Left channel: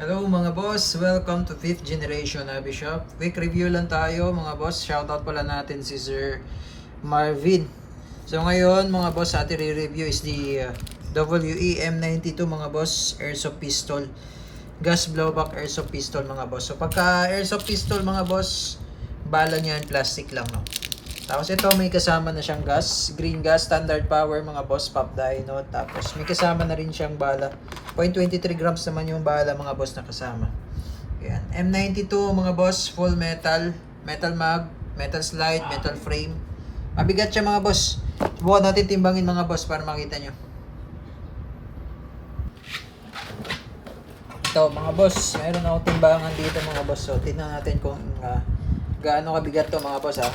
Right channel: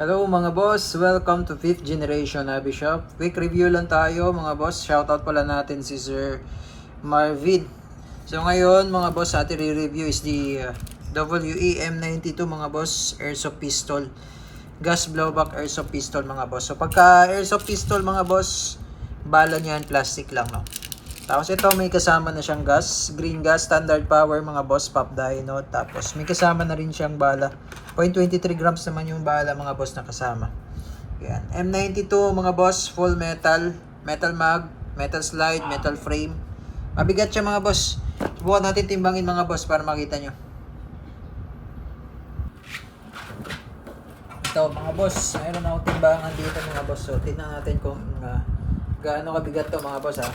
Hello mga boss, welcome to 5th Generation Hobby Shop. Quick review lang tayo mga boss. Shoutout pala natin si Sir Marvin. So ngayon mga boss, ating re-review is the WEM92 mga boss, airsoft pistol. Gas blowback airsoft pistol mga boss. So pagka airsoft pistol mga boss, bala niyan plastic lang, no. Tapos ito may kasama na siyang gas, green gas, standard power mga boss, pop dyno. Tapos may kasama na rin siyang bala. 0.23 grams naman yung bala mga boss na kasama. Yan. M92 mga boss, full metal, metal mag, metal slide, metal frame. Mabigat siya mga boss. Subukan natin timbangin mga boss para makita nyo. Ito mga boss, mayroon akong timbangan dito mga boss. So tingnan natin kung gaano kabigat to mga boss ha.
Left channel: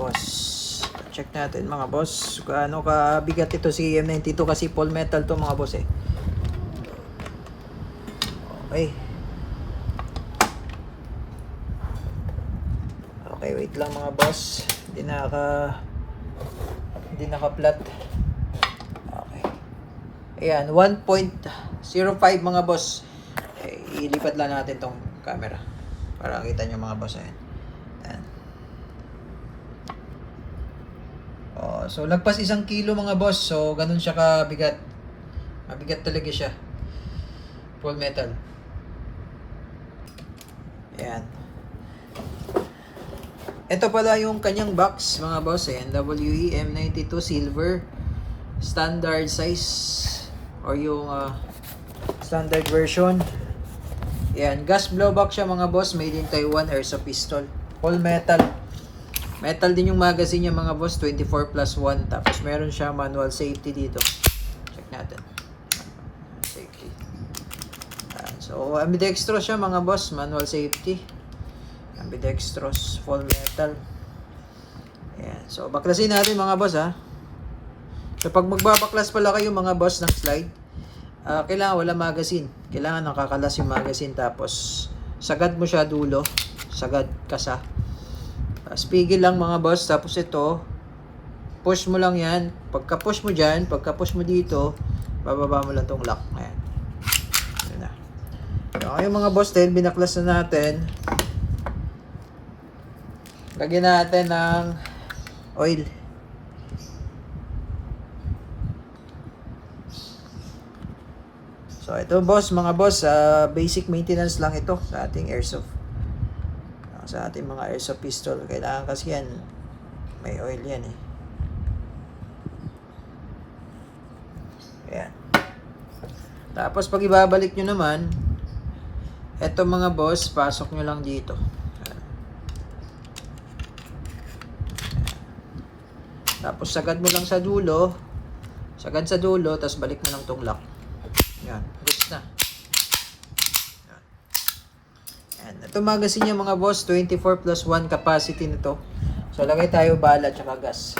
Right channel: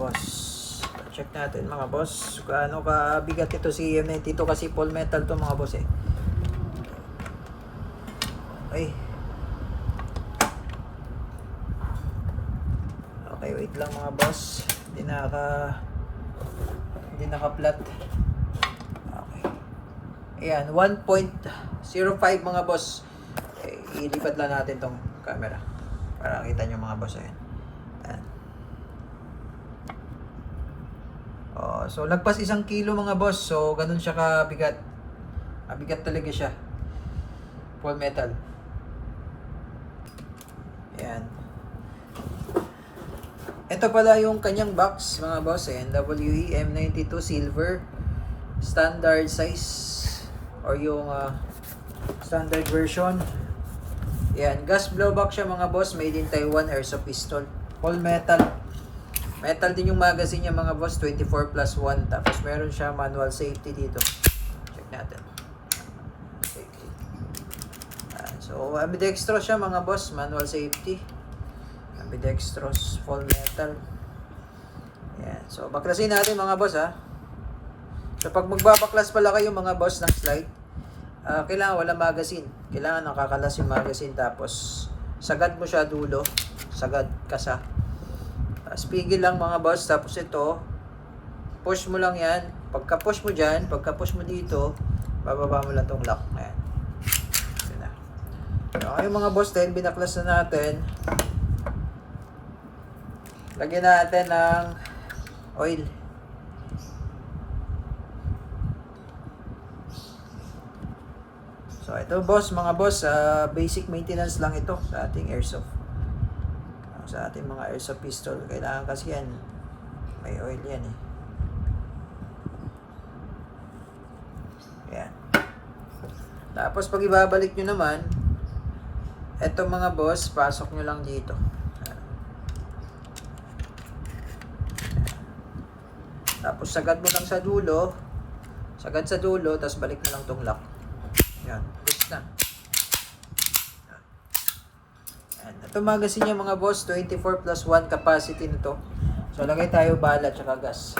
Boss, check natin mga boss gaano kabigat ito si M92 kasi full metal to mga boss okay, wait lang mga boss, hindi naka-flat. Okay, ayan, 1.05 mga boss. Ilipat lang natin tong camera para kita nyo mga boss. Ayan. So lagpas 1 kilo mga boss. So ganun siya kabigat. Mabigat talaga siya. Full metal. Ayan. Ito pala yung kanyang box mga boss. NWE M92 silver. Standard size. Or yung standard version. Ayan. Gas blowback siya mga boss. Made in Taiwan airsoft pistol. Full metal. Metal din yung magazine niya mga boss, 24+1. Tapos meron siya manual safety dito. Check natin. Safety. So ambidextrous siya mga boss, manual safety. Ambidextrous, full metal. Ayan. So baklasin natin mga boss ha. So pag magbabaklas pala kayo mga boss ng slide, kailangan wala magazine. Kailangan nakakalas yung magazine. Tapos sagad mo siya dulo. Sagad, kasa. Pigil lang mga boss. Tapos ito, push mo lang yan. Pagka push mo dyan, pagka push mo dito, bababa mo lang tong lock. Ayan. Okay mga boss, then binaklas na natin. Lagyan natin ng oil. So ito boss, mga boss, basic maintenance lang ito sa ating airsoft. Sa ating mga airsoft pistol, kailangan kasi yan may oil yan Ayan. Tapos pag ibabalik nyo naman, eto mga boss, pasok nyo lang dito. Tapos sagad mo lang sa dulo, tapos balik mo lang tong lock. Ayan, fix na. Ito magazine niya mga boss, 24+1 capacity nito. So lagay tayo bala at gas.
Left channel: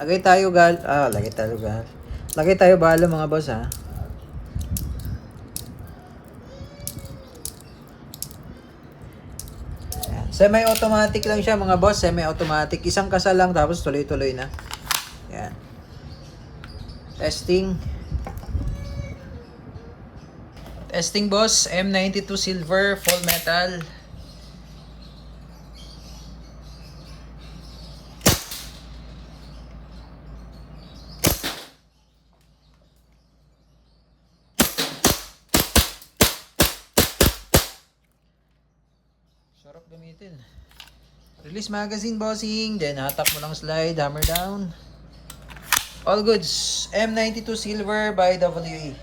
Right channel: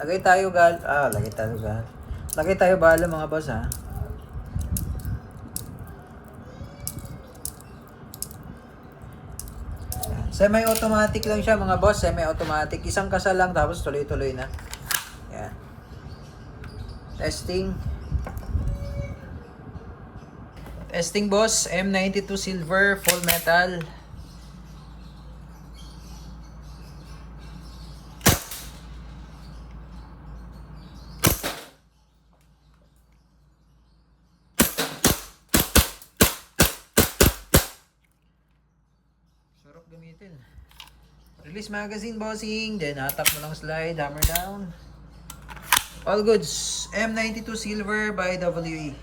Lagay tayo bala mga boss ha. Semi-automatic lang siya mga boss, semi-automatic. Isang kasal lang tapos tuloy-tuloy na. Yan. Testing. Testing boss, M92 silver, full metal. Sarap gamitin. Release magazine bossing, then hatak mo lang slide, hammer down. All goods. M92 silver by WE.